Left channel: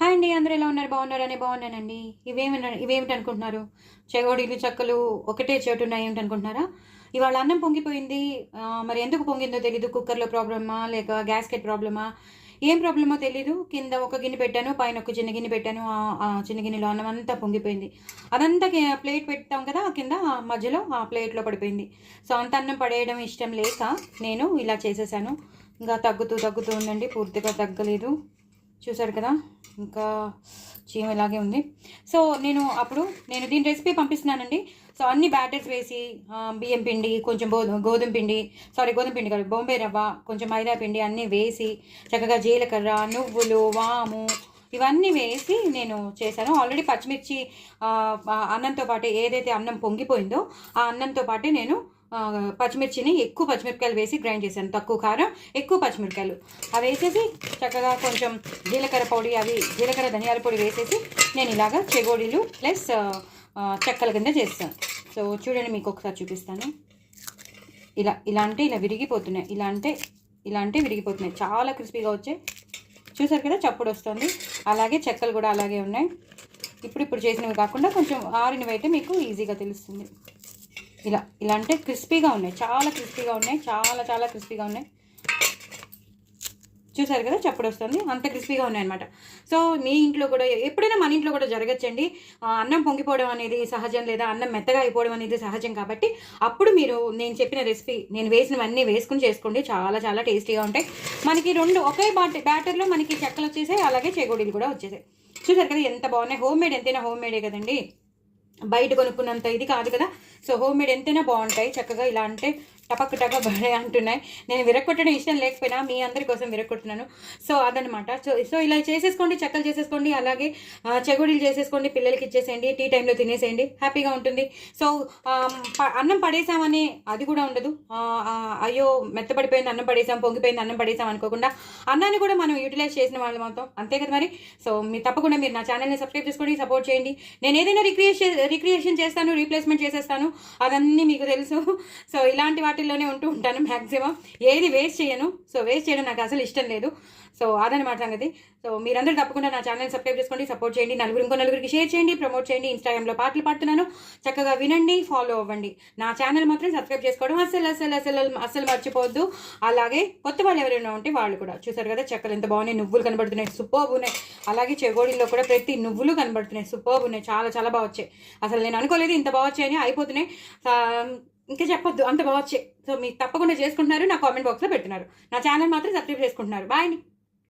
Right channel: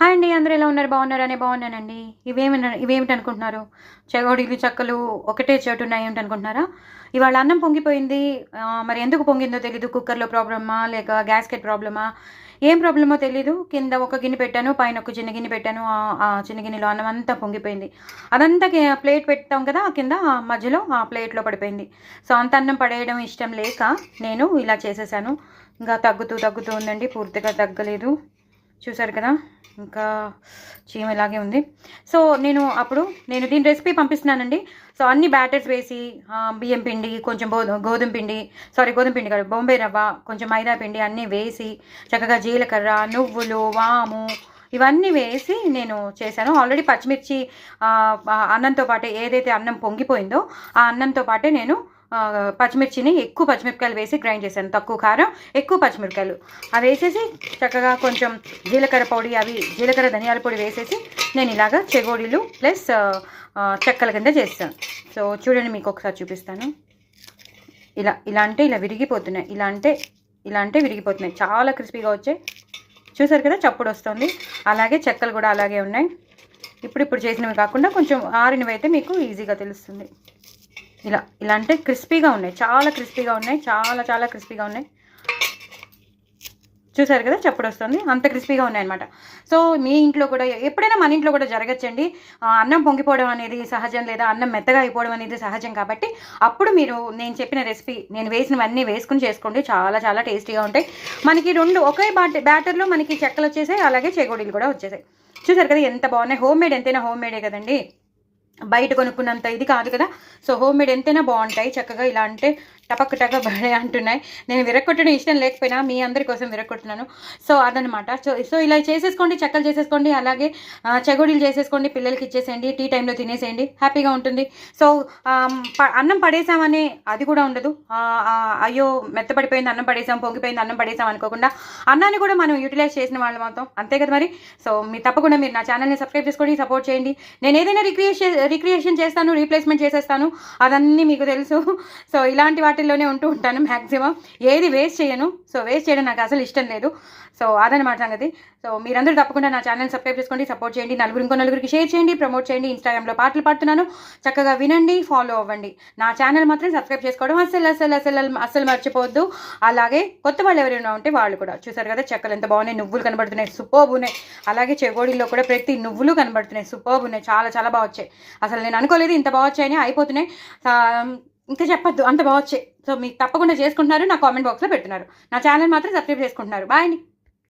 Hi అండి, అందరూ ఎలా ఉన్నారు? బాగున్నారని బాగున్నానండి. ఇవేమిటి అనుకుంటున్నారు? చెగోడీలు చెక్కలు ఒకటే చోటు ఉన్నాయి ఏమిటి అనుకుంటున్నారా? ఇవాళ అన్నం పొంగిపోయింది. మరి ఎందుకు పొంగిందో తెలీదు. కుక్కర్లో ప్రాబ్లమా లేక గ్యాస్కెట్ ప్రాబ్లమా ఏం ప్రాబ్లమో తెలీదు. కింద ఒక గిన్నె పెట్టాను, పైన ఒక చిన్న గిన్నె పెట్టాను. ఆ చిన్న గిన్నెలో అన్నం అంతా పొంగిపోయింది. అదంతా ప్లేట్ పెడతాం కదా, కింద మధ్యలో ఆ ప్లేట్లో పడిపోయింది. సో అంత అన్నం పడేయడం ఇష్టం లేక నేను ఇలా చేసేసాను. ఇంకా తగ్గుతూ ఉందండి, పూర్తిగా తగ్గలేదు. చూసారు కదా, ఇంకా చీమ ఇలాగే ఉంది. సో నేను దీని రెసిపీ పంపిస్తున్నానండి. సో అన్ని బ్యాటర్స్ వేసి బియ్యం పిండి, కొంచెం గోధుమ పిండి కాదు, బొంబాయి రవ్వ, కొంచెం మైదా పిండి అన్నీ వేసి చక్కగా జీలకర్ర, నువ్వులు, వాము ఇవన్నీ వేసి నేను చేశాను. ఆల్రెడీ పచ్చిమిర్చి అన్నంతో పాటే, ఏదైతే అన్నం పొంగిపోయిందో ఆ అన్నంతో పాటే నేను ఎక్కువ పచ్చిమిరపకాయలు వేసి గ్రైండ్ చేశాను. తక్కువ కారం, ఎక్కువ పచ్చిమిరపకాయలు అవి వేసేసి చక్కగా కొంచెం జీలకర్ర ధనియాల పొడి వేసేసి నేను ఇలాగా చెగోడీలు ప్లస్ చెక్కల కింద చేస్తాను. సో చూడండి, మీకు ఒకసారి చూపిస్తాను. ఇలా విరిగిపోతున్నాయి. ఇలా అంటే విరిగిపోతున్నాయి. చాలా క్రిస్పీగా వచ్చాయి. చూసారు కదా, చప్పుడు వస్తుంది. అలాగే చెక్కలు కూడా అలాగే ఉన్నాయి. ఇప్పుడు చేసినవి కాకుండా కొంచెం ఆరినవి అయితే మీకు ఈజీగా తెలుస్తుంది. ఇలా అంటే క్రిస్పీగా ఉన్నాయి, చాలా క్రిస్పీగా ఉన్నాయి, చాలా క్రిస్పీగా ఉన్నాయి. చూసారు కదా, చప్పుడు వస్తుంది. అంత క్రిస్పీగా ఉన్నాయన్నమాట. సో మీ ఇంట్లో కూడా ఎప్పుడైనా మన ఇంట్లో కూడా జరగచ్చండి. అన్నం పొంగిపోవడం అనేది సహజం, లేదా అన్నం మెత్తగా అయిపోవడం అనేది సహజం. కాబట్టి అప్పుడు మీరు నేను చెప్పిన రెసిపీ, నేను వేసినవన్నీ వేసుకుని చేసుకోండి. చాలా టేస్టీగా ఉంటాయి. మనకి ఒకే బ్యాటర్లో మనకి చెక్కలు వచ్చేసాయి, అలాగే చెగోడీలు కూడా వచ్చేసాయి. చూసారు కదా ఎంత బాగున్నాయి. హోమ్మేడ్ ఎంతైనా హోమ్మేడే కదండి, బయట కొనుక్కున్నంత ఇది కాదు కదా. సో హోమ్మేడ్ ఎంతైనా బాగుంటాయి. చక్కగా ఇలా అంటే టపక్ బడే అంటున్నాయి. నేను విరక్కొట్టడం ఇష్టం లేకపోయినా మీ అందరి కోసం విరక్కొట్టున్నాను. సో అదనమాట. సో ఇలా చేసేసుకోండి, చెక్కలు చేసేసుకోండి, అలాగే చెగోడీలు చేసేసుకోండి, పిల్లలకి ఇచ్చేసేయండి, టీ టైంలో తినేసేయండి, హ్యాపీగా ఉంటుంది. సో అన్నం పడేసామని అది కూడా ఉండదు. అయ్యో మెత్తపడిపోయింది అన్నం పడేసాం, పొంగిపోయింది అన్నం పడేసాం అనుకోకుండా అన్నాన్ని కూడా మనం యూటిలైజ్ చేసిన వాళ్ళు మొత్తం, అంతే కదా మరి. సో తప్పకుండా మీరు నా ఛానల్ని సబ్స్క్రైబ్ చేసుకోండి, సపోర్ట్ చేయండి. నేను ఏదైనా రిక్రియేషన్ చేస్తాను, రీప్లేస్మెంట్ చేసేస్తాను, అదన్నీ మీకు తెలుసు. సో ఇలాంటి వాటిల్లోనే ఉంటూ ఉంటాను మ్యాక్సిమం. ఏది వేస్ట్ చేయను. సో వేస్ట్ చేయడం నాకు అసలు ఇష్టం లేదు. సో అదనమాట సంగతి. సో మీరందరూ తప్పకుండా నా ఛానల్ సబ్స్క్రైబ్ చేసుకోండి, సపోర్ట్ చేయండి, నలుగురికి షేర్ చేయండి, ప్రమోట్ చేయండి. ఇన్స్టాగ్రామ్లో పాటలు పాడుతున్నాను, చక్కగా వినండి, ఫాలో అవ్వండి. నా ఛానల్ మాత్రం సబ్స్క్రైబ్ చేసుకోవడం అస్సలు మర్చిపోవద్దు. అలాగే కొత్త వాళ్ళు ఎవరైనా ఉంటే వాళ్ళు కూడా. చూసారు కదా, చెక్కలు ఎంత బాగున్నాయి, నువ్వులు కనబడుతున్నాయి, సూపర్బ్ ఉన్నాయి. అలాగే చెగోడీల్లో కూడా ప్రతి నువ్వులు కనబడుతున్నాయి, సూపర్బ్ ఉన్నాయి, చాలా బాగా వచ్చాయి. అసలు నేను అనుకోలేదు ఇంత బాగా వచ్చాయని. అయిపోతున్నాయి, ఇంకా చెప్పొద్దు, అంత బాగా వచ్చాయి. సో మీకు తప్పకుండా చేసుకుంటున్నారు, నా కామెంట్ బాక్స్లో పెడుతున్నారు. నా ఛానల్ మాత్రం సబ్స్క్రైబ్ చేసుకుంటున్నారు. బాయ్ అండి.